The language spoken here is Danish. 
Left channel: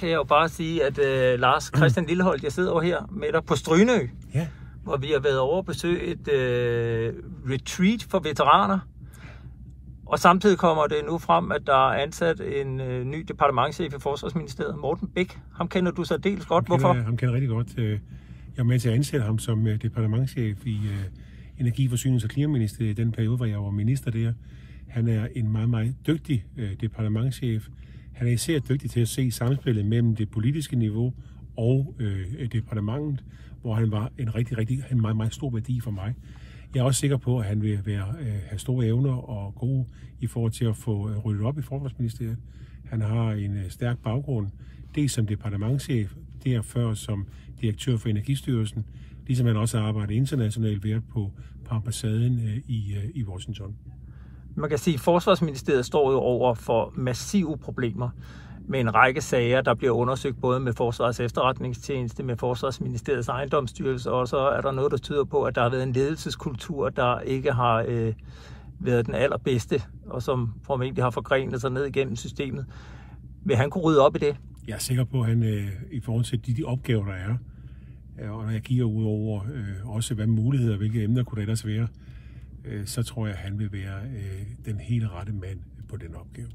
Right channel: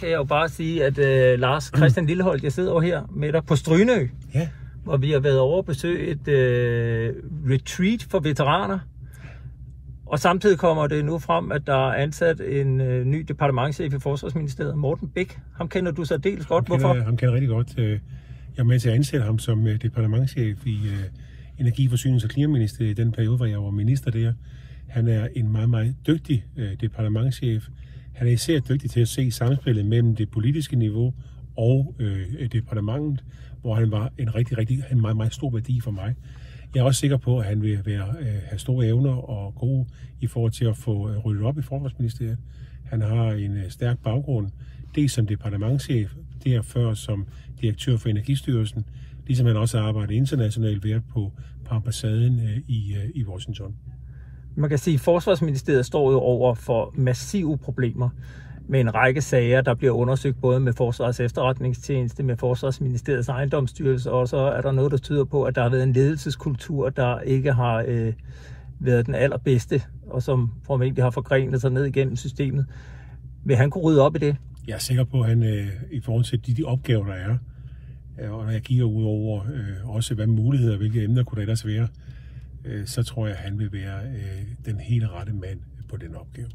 Kan jeg jo bare sige, at Lars Christian Lilleholt, jeg sidder over her med dig på Strynø, ja, hvor vi har været over at besøge et retreat for veteraner. Og samtidig kommer det nu frem, at der er ansat en ny departementschef i Forsvarsministeriet, Morten Bæk. Ham kender du så dels godt. Hvorfor? Ham kender rigtig godt. Jeg er med til at ansætte ham som departementschef i Energi-, Forsynings- og Klimaministeriet i den periode, hvor jeg var minister der. Han er en meget, meget dygtig departementschef. Han er især dygtig til at se samspillet mellem det politiske niveau og departementet, hvor han var en meget, meget stor værdi for mig. Jeg er også sikker på, at han vil have store evner og gode i forhold til at få ryddet op i Forsvarsministeriet. Han har en stærk baggrund, dels som departementschef, derfor som direktør for Energistyrelsen, ligesom han også har arbejdet internationalt ved på ambassaden i Washington. Man kan sige, at Forsvarsministeriet står jo over for massive problemer med en række sager, der bliver undersøgt både med Forsvarets efterretningstjeneste, med Forsvarsministeriets ejendomsstyrelse, og så er der noget, der tyder på, at der har været en ledelseskultur, der ikke har været den allerbedste, og som formentlig har forgrenet sig ned igennem systemet. Vil han kunne rydde op i det? Jeg er sikker på, at han i forhold til de opgaver, der er, og når jeg kigger ud over også, hvad muligheder, hvilke emner kunne der ellers være, så tror jeg, at han vil være den helt rette mand på den opgave.